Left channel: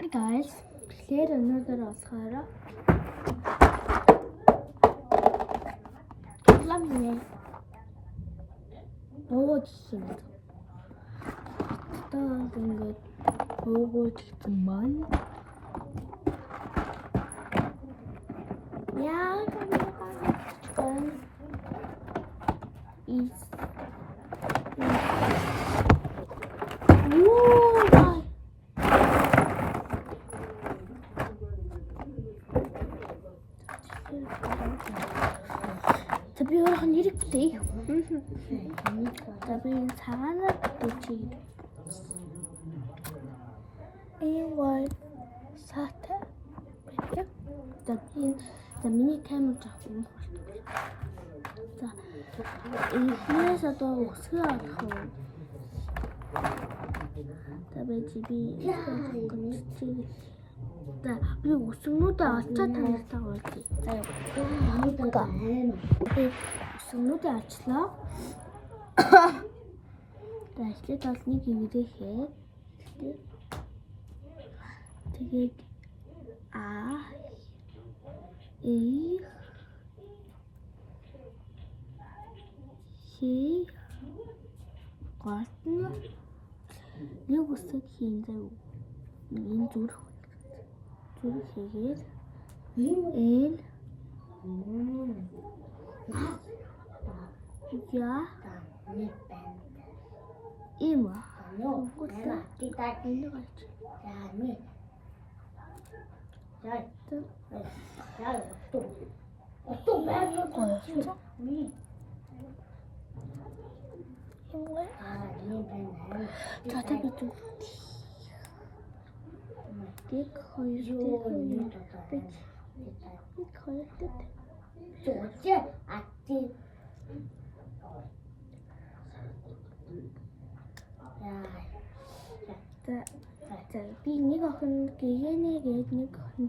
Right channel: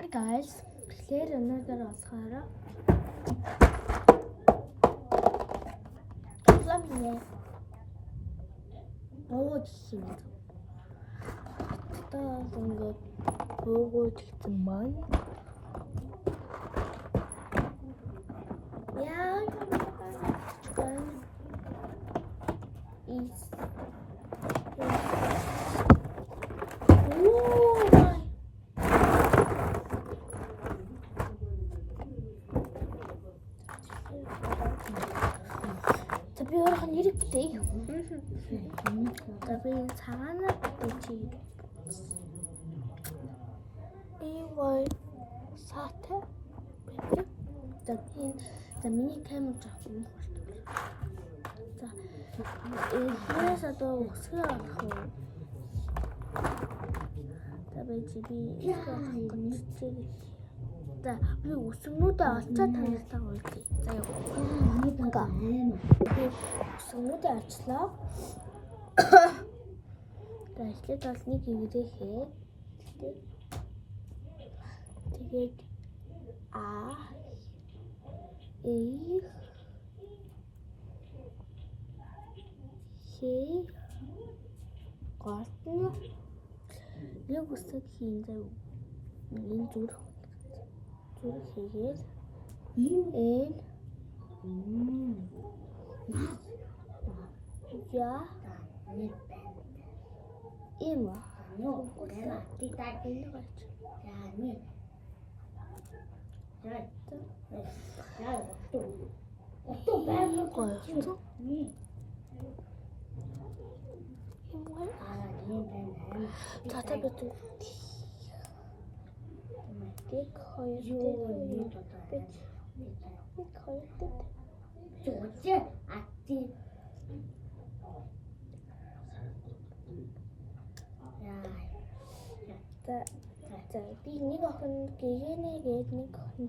Hi guys. Тэгэхээр өнөөдөр болохоор ламны бөөж юм. Тэгээд ингээд бөөж гэсэн маань яа гэнэ is Tabii oradan yürü değil. Tabii sana geçeyim. Eğer sahte bekle. Tabii mini kamera takıyorum. Eğer 또 수학하고 tabii 집이 자, 그리고 우승로드 아차 타겠다고 했지. 자, 그러니까 우승로드 아치라. 자, 이제 다시 기회를 해. 되게 아, 이, 시, 과스, 이거 쓰기 이제 인조로. Türkiye'de el ya ima Dik koydu. Dik koydu. Çocuğa attı. За би нэг охин гэгээнэ гээд нэг охин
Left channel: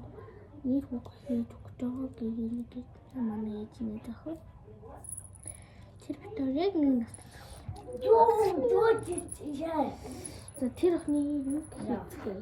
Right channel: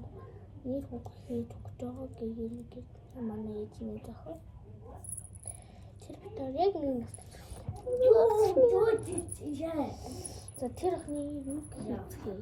нэг хүүхэд өгч байгаа гэгээнэ гээд манай ээж нэг охин. Тэр битэр яг нэг нас. За тэр охины юу хийх вэ?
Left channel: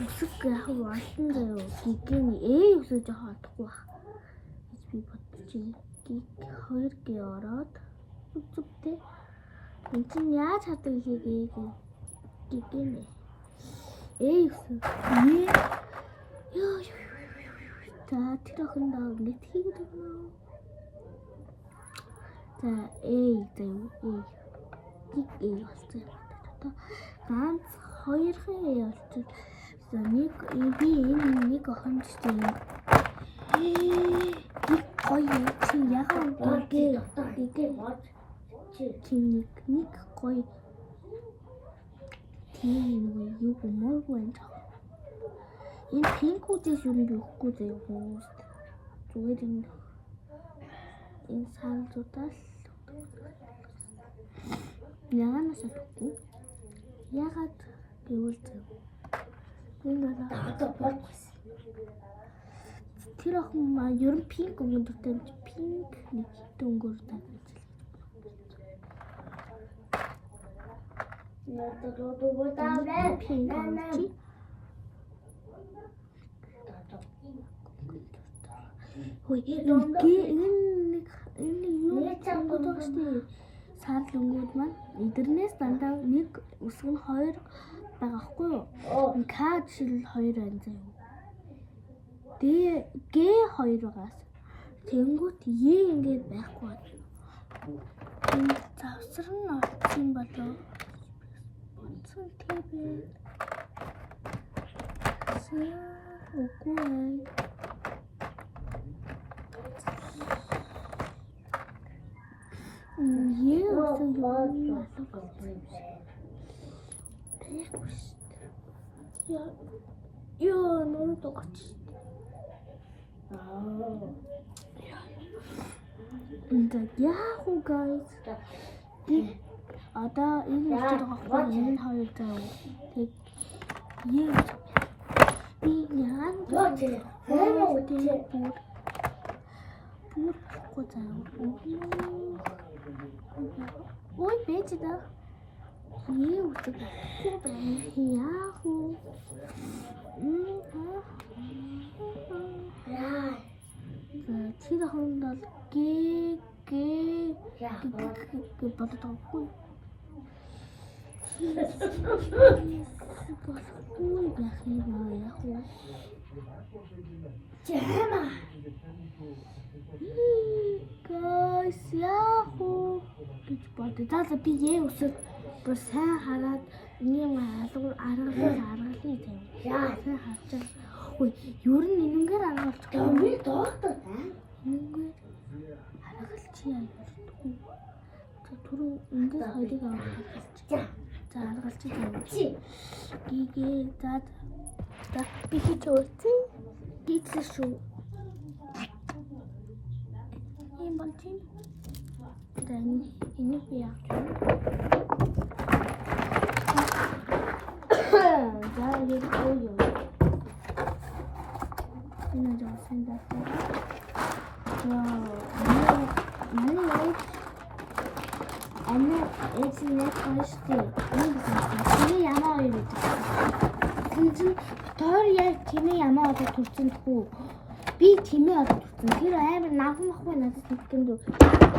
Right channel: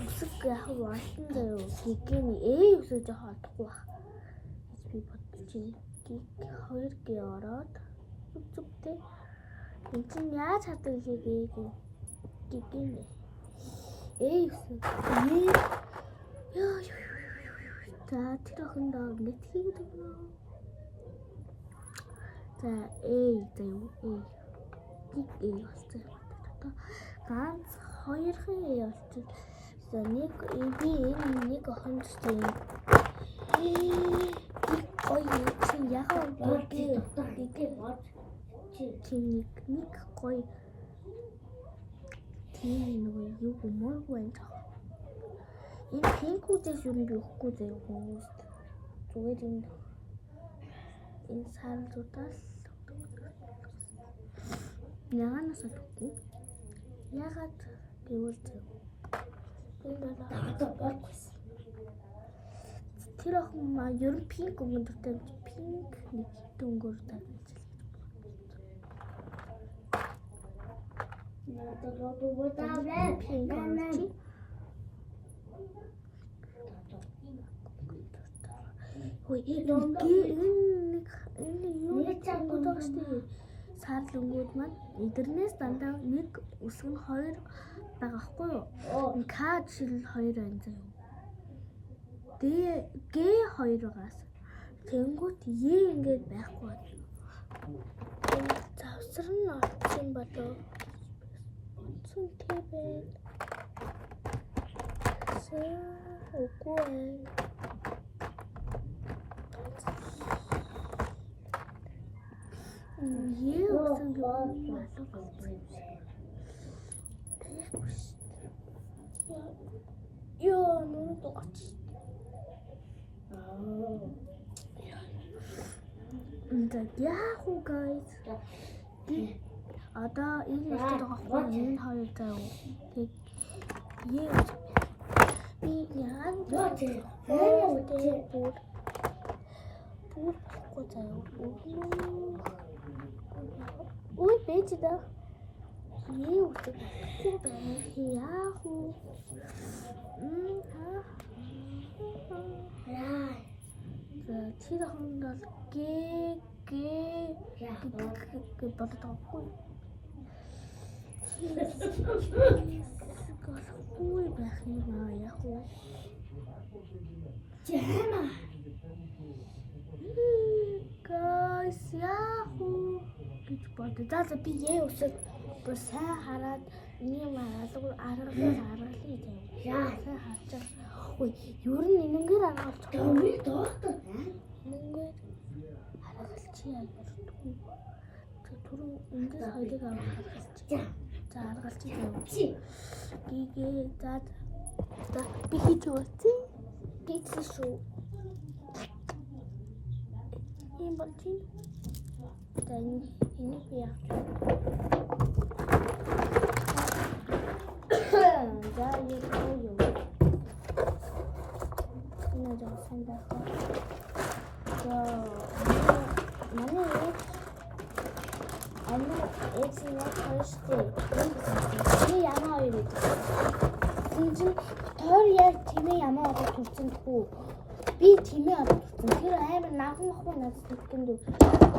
Үсэг яг Вашингтон гигэний үсэж хаадахгүй ба. Би бодож байна. Хоёр гээ ороод зүгтэй. Энд чинь яаж хатаг хийгээ гигэний. Үсэг. За тэр охиндоо ингэж хийгээд байна. За болчихсон. Ганц хоёрхан болчихсон. За нэг нэг охинд чинь гоё чинь яг гээ бод чинь нэг гоё тийм юу гэмόρгүй юм. Энэ пинкүүдээс юу нэг өгөхгүй заяа. Зүгээр энэ саалзуудаас яганаас өгөхгүй. Ягаад гэвэл энэ бол тэр охин маа ер нь пинк өнгөтэй пинк нэг дөнгөөр тагнаж. Хөөе энэ юу чамдагчтэй сарл өнгөд маань эднээс дандаа нэг өсгө нь хоёр байгаа хгүй юу? К жишээл 2 байна заяа. Г 2-аас тэнгуут ингээд байхгүй. Энэ завсар нь орсон болов. Онцон тийм. Үгүй. Яа, нөр 똑같이. 근데 яах вэ guys? Одоо энэ үстэй байгаа энэ хоёр заяа. Тэг Е. Би яан бүр болохгүй заяа. Ой бэж да. Е үгүй яах вэ? Тэр хонд бол гэ боддог. Ой яах вэ? Жама. Guys яах вэ? гэж бодё. За би яа өсөд бүр сайн хараад ийм аргалын тийм. Яа сайн харж. Ой ер нь энэнгээр аргалж байгаа. Би доктор байна. Энэнгээр аргалч яа ярьдгүй. За түрүү эндээс хоёрыг аргалч. За аргалч юм. Гигээ за би хийж өгсөн. Хийсэн шүү. Ийм бол тийм. За энийг би яах вэ? За яг юу. Энэ дэсэн даа. За манай эцэг хайшгүй. Тэгээ ямаа хоёр гэдэг. Тэгвэл тоор яг тэмээ ямаа одоо төрсөн тхүү. Би тэмээ одоо төрсөн. Тэр амар наган ахгүй надад хэлэхэд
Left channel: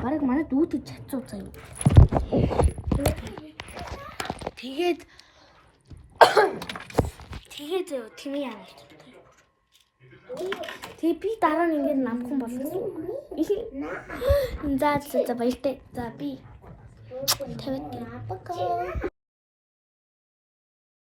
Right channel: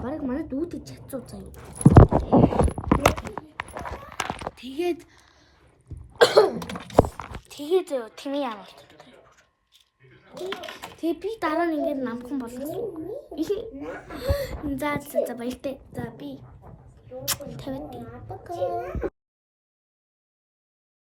барыг манай дүүтэй чацуу заяа. Тэгээд тэмээ ямаа төрсөн. Тэгээ би дараа нь ингээд намхан болсон. За баяртай. За би 50.